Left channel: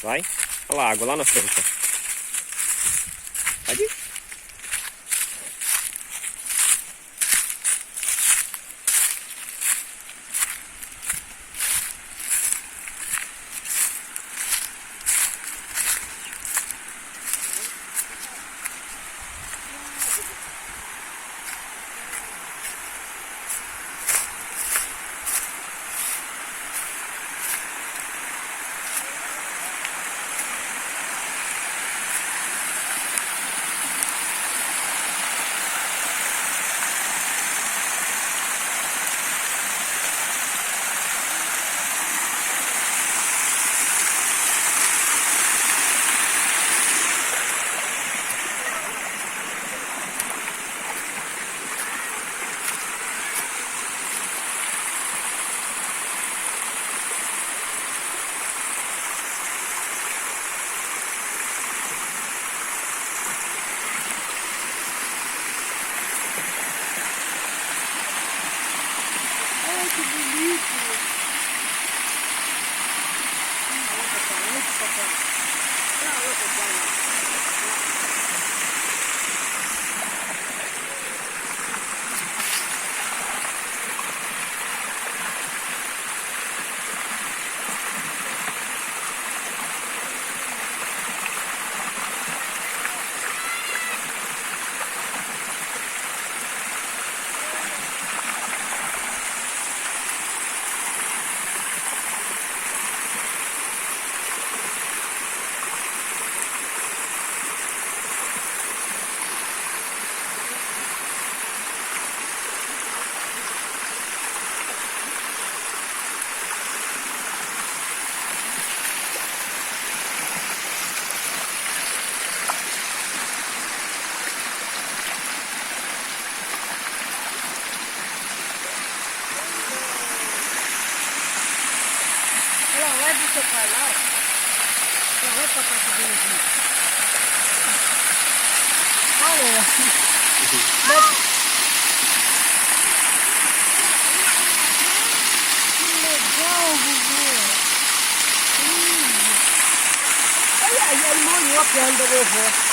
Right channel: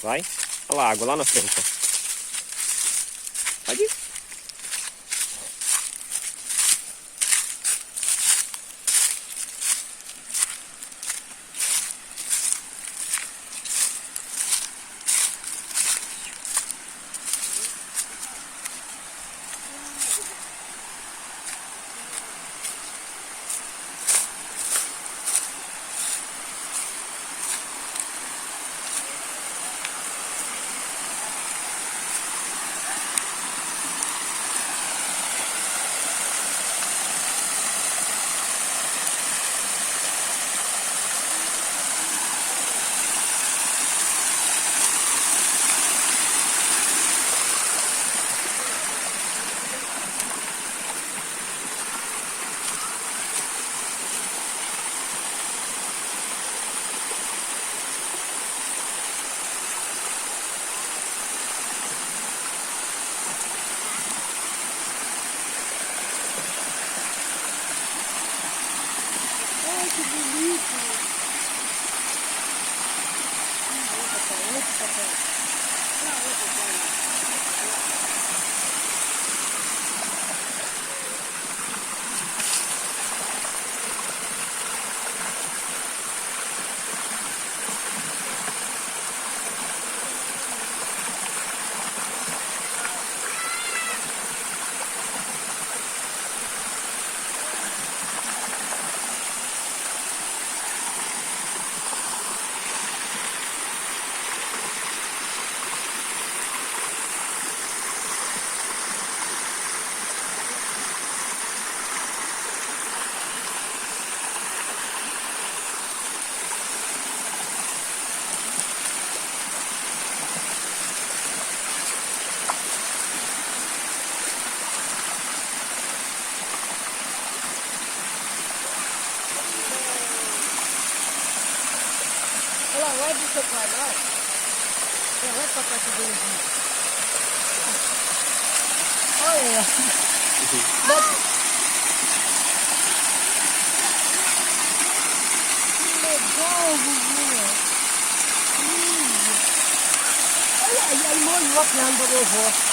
Vai. Olha lá a água lá na frente. Ó. Pode ir. Ai, que bonito! Olha lá, vai do seu pai lá, ó. Vai pra cá que vem aqui. Olha. Que legal, vovô. Olha aí, molhou a perna da vovó.